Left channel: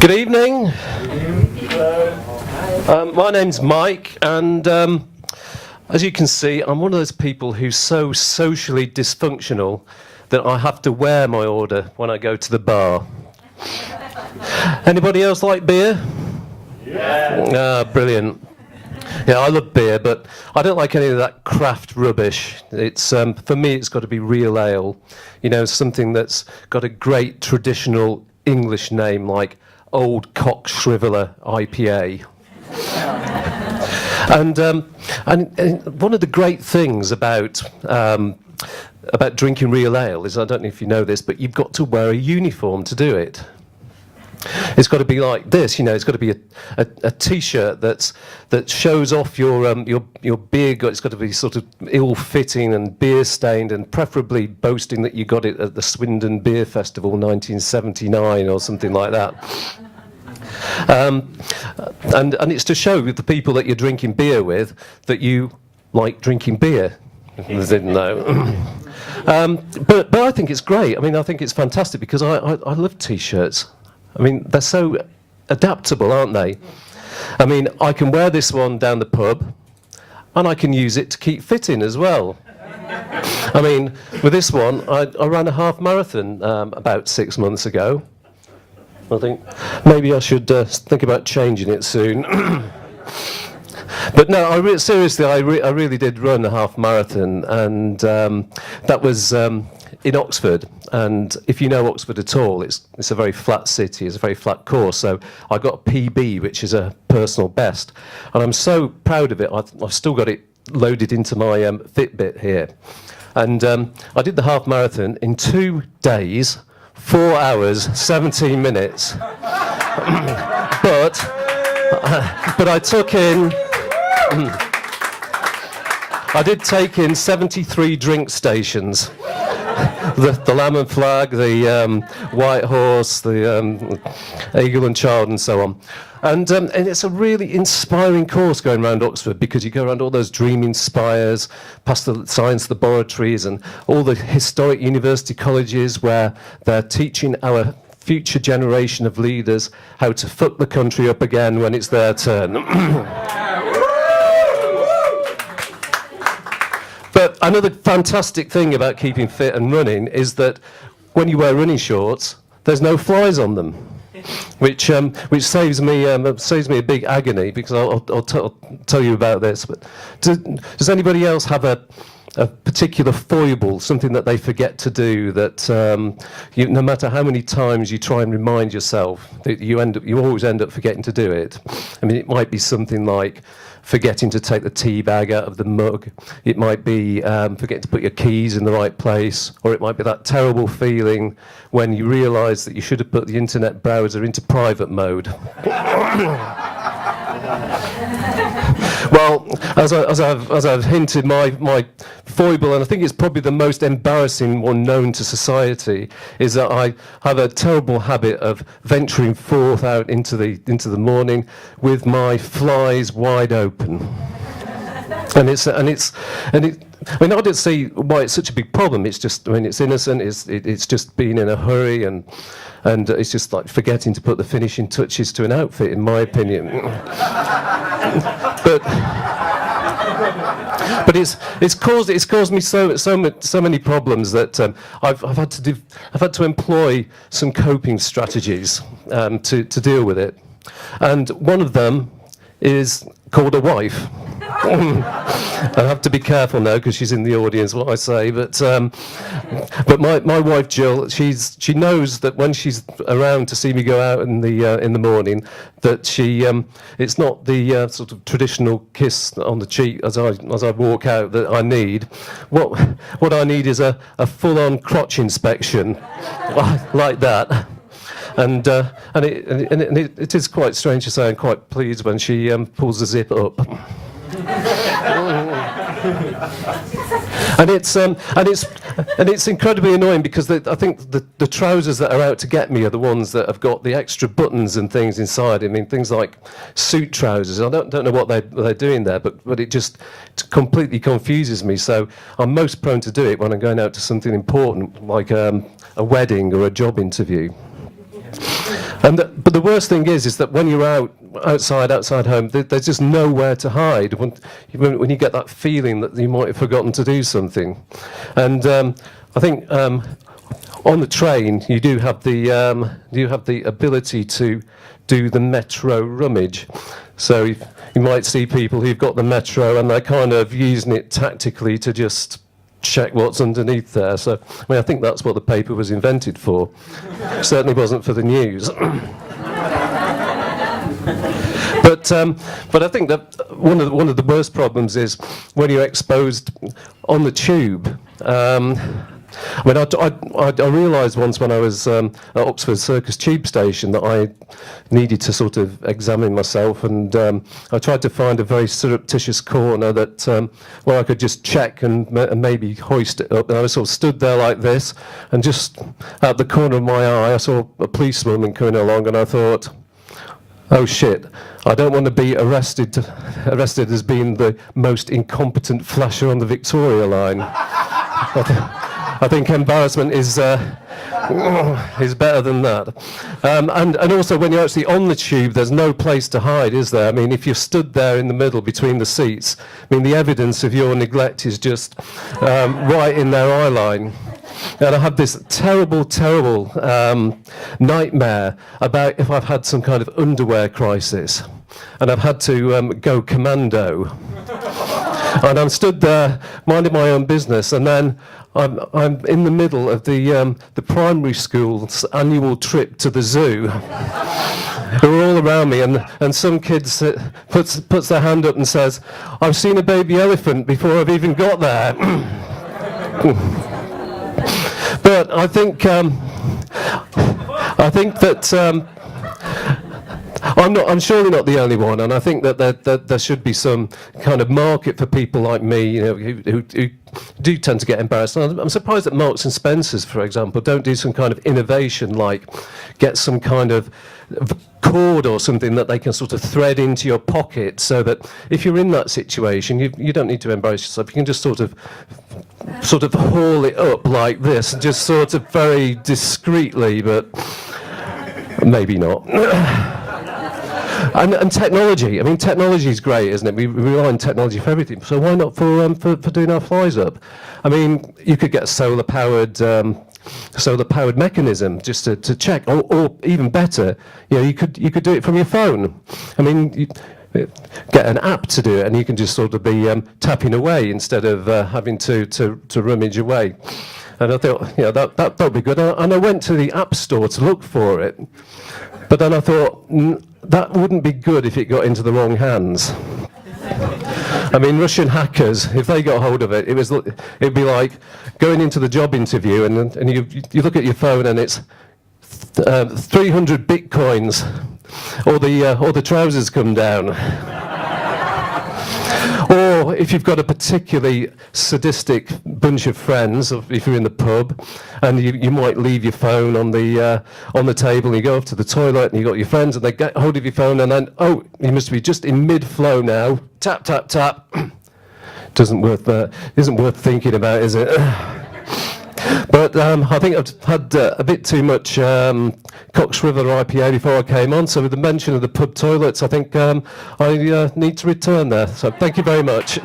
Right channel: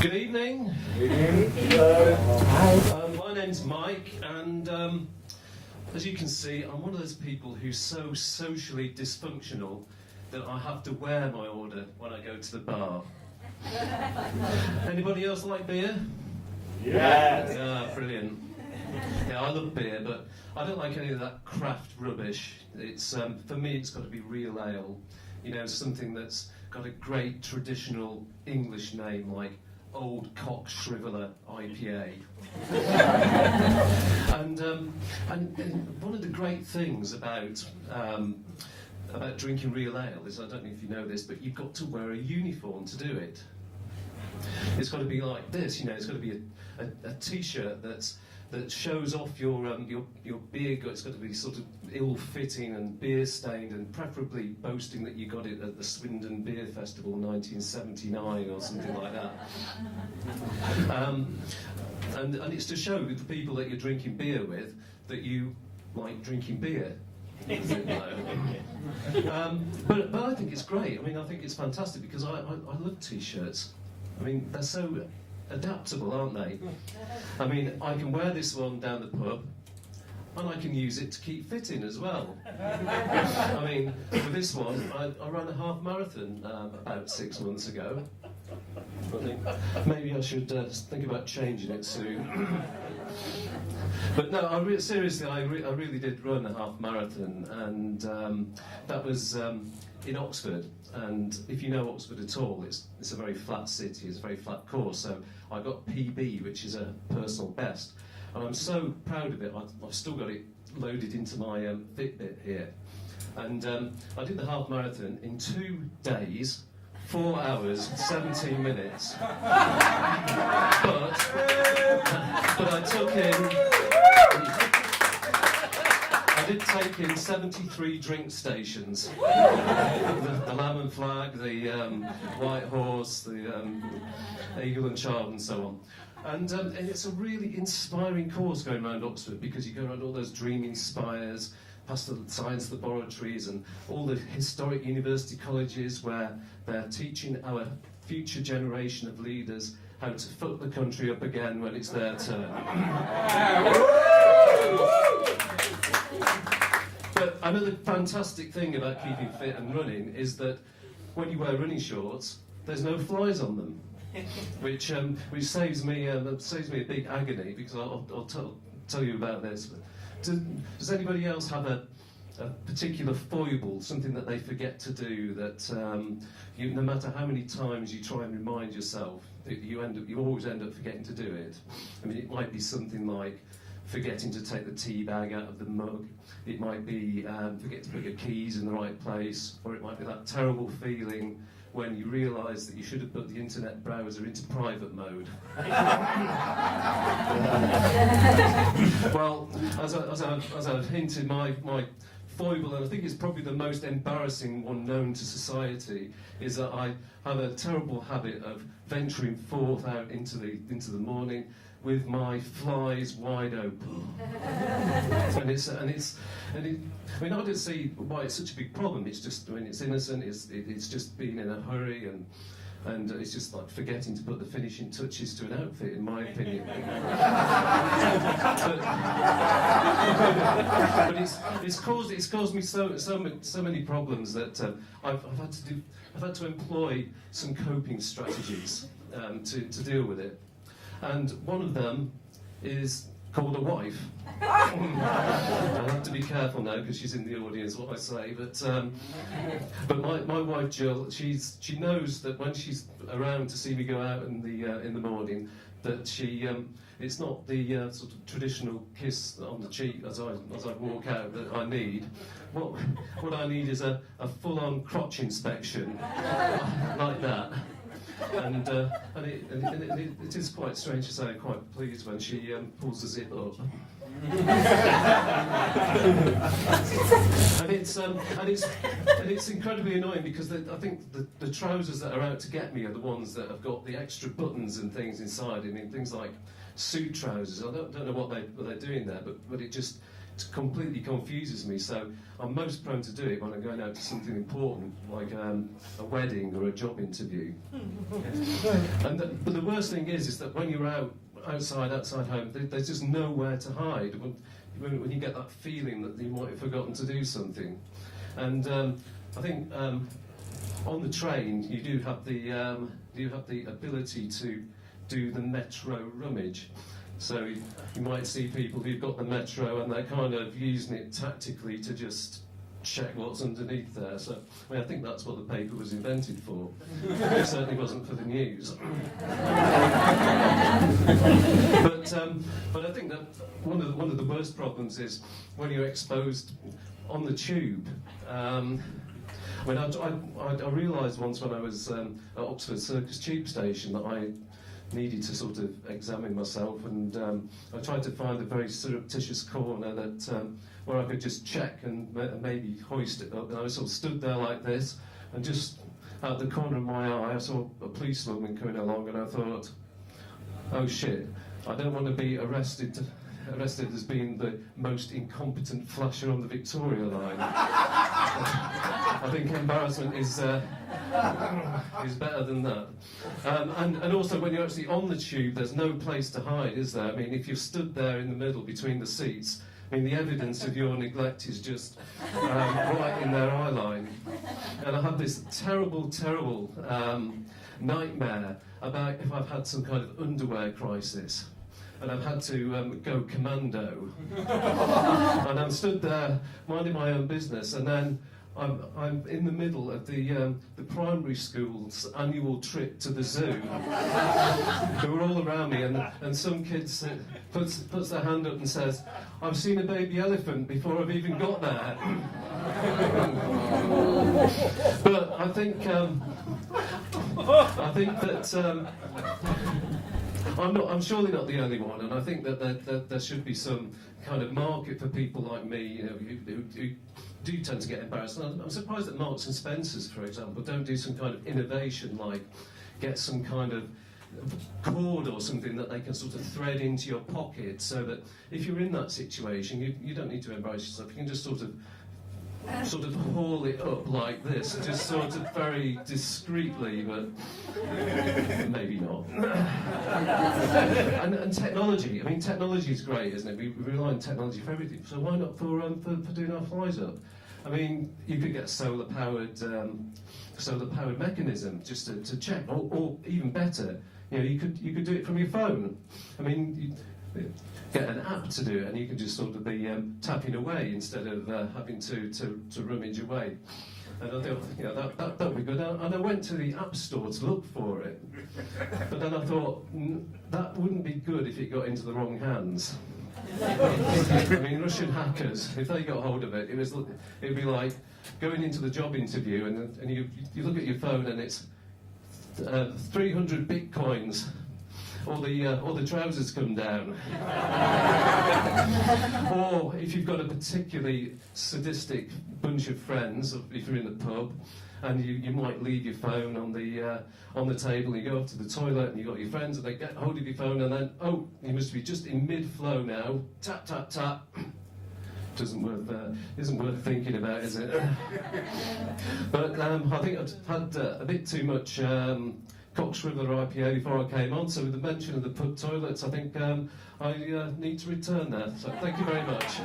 Good evening. My name's Mike, and as you can see, I'm one of those people who's so socially dysfunctional that I have to wear my order when I go to the bar. Anybody else like beer? Yeah. Brilliant. Yeah, I love beer, but I don't like any of that craft rubbish. It's for me, it's got to be real ale. You know, something that's got a great traditional English name like Old Cock Shriveler IPA. And one of the great things about drinking real ale is, I don't know if you know this, but you've got to wear a uniform to do it. It's got to be like this, you know. It's got to be a T-shirt that shows off your beer gut. It's got to be sort of ill-fitting and beer-stained, and preferably boasting that you got it at the Swindon Beer Festival 1979 or something like that. And it's to show the people that you're drinking beer with that you like drinking beer. I didn't know. But I think it's great. I mean, I think it's fantastic because I love T-shirts. I mean, they're so adaptable, aren't they? I mean, I can wear this one down the pub, and I can use it to keep fitting as well. I mean, with this one, I ran a half marathon about 6 months ago. I think maybe I should think about changing it soon. But no, seriously, I really did run a half marathon, and that was in Oxford. And if you know Oxford at all, it's a very flat city, it's a very flat course. So I got a PB, which is a personal best. And I'm so proud of it. I've still got it loaded into my Fitbit here. And I did the half marathon in 2 days, 4 hours, 17 minutes. But I took in... I did take in 73 drink stations. The Lamb and Flag, the White Horse, the Eagle and Child, and so on. And it's a really inspiring course going around Oxford, because you go around all those dreaming spires, past the science laboratories and all the historic university colleges where they're teaching our future generation of leaders how to fuck the country up again when it's their turn. But another fantastic thing about keeping fit and running is that when you wear running shorts, there's no flies on them, which saves me a big agony, because I'll tell you about this. But does anybody else have a particular foible, something that they forget to do, that no matter how many times you try and remind yourself, that you always end up forgetting to do it? I mean, it might be something like forgetting to take the tea bag out of the mug. It might be forgetting to put your keys in the right place, or it might be that terrible feeling when you realise that you should have put the internet browser into private mode. Well, as I've hinted, my foible, and I think it's probably the most embarrassing one known to society, is that I have a terrible habit of venturing forth out into the morning with my flies wide open. And I mean, I don't see why it's such a big problem. It's just, I mean, it's innocent. It's just being in a hurry, and it's just like forgetting to put the finishing touches to an outfit, in my opinion. But it's caused me so many problems that I've had to employ some coping strategies to deal with it, and one of them is called a wife. I have to be careful now because she's in the audience what I say, but my wife Jill, she knows that when she's around to see me go out in the morning, that it's not the sort of traditional kiss on the cheek as I walk out that I need. What I need is a full-on crotch inspection like that. And it is quite strange to say I'm quite pleased when she pulls the zip up. And it's incredibly annoying, because I think the trousers that are out to get me are the ones that have got the extra buttons and things inside. I mean, things like suit trousers. I don't know what they're doing there, but it just completely confuses me. So I'm most prone to do it when I'm going out to something important, like a wedding or a job interview. But the worst thing is that when you're outside home, there's just nowhere to hide when you get that feeling that you might have forgotten to do something. And I think on the train you do have the ability to do the metro rummage. So you might see people who've got the metro and they're kind of using it tactically to just check what's underneath there. So, I mean, I think that's what the paper was invented for. It certainly wasn't for the news. But I think that one of the worst problems is when you're exposed on the tube. I mean, I realised once when I was at Oxford Circus tube station that I needed to sort of examine myself, and I tried to find a very surreptitious corner that where I could just check and maybe hoist it up. And I was sort of stood there like this, and just at the corner of my eye, I saw a policewoman coming along, and I thought, oh shit, I don't want to be arrested as being the most incompetent flasher on the Victoria line. I think embarrassment is better than that. And also, when you're actually on the tube, there's no place to hide, is there? I mean, if you're stood there in the middle between the seats, I mean, the evidence of your neglect is just right in their eye line. And I had this terrible nightmare about if I've had some kind of underwear crisis, and I've had to go commando. And I'm stood there minding my own business, and then I'm in the middle of the primary school's annual trip to the zoo. Who are all around me, and some kid puts their hand up and says, "I've seen a baby elephant before I've even got there." But I think that I'm surely not the only one, and I think that there should be some kind of market for people like me, you know, who do tend to get embarrassed. And I'm surprised that Marks and Spencers, for example, don't do some kind of innovation, like get some kind of cord or something that they can sort of thread into your pocket, so that if you're in that situation, you don't need to embarrass yourself. You can just sort of haul it up like this, just sort of very discreetly, but maybe not. And technology. I mean, technology is great, isn't it? We rely on technology for everything. So why not for doing our flies up? I mean, you could get a solar-powered mechanism just to check, or even better, you know, you could do it from your phone. I mean, you get an app to do it, and you can just sort of be tapping away instead of having to rummage away. And I thought, you know, that would be good. And I went to the App Store to look for it. But then I thought, that wouldn't be good if it got into the wrong hands. I mean, Russian hackers, if they got hold of it, it'd be like going into the job interview and you look at your phone and it's 300 bitcoins, or the trousers come down. Or if you've got a particularly sadistic bunch of friends, if you're in the pub, and you might leave your phone on the table, and you go up to the toilet, and you've got your friends, and they get hold of your phone, and then, oh, you must be just in mid-flow now. Tap, tap, tap. Isn't worth thinking about, is it? But I think I've had a bit too much Cox River IPA before I came on, so with the mention of the pub toilets, I think I need to return there. So thank you very much.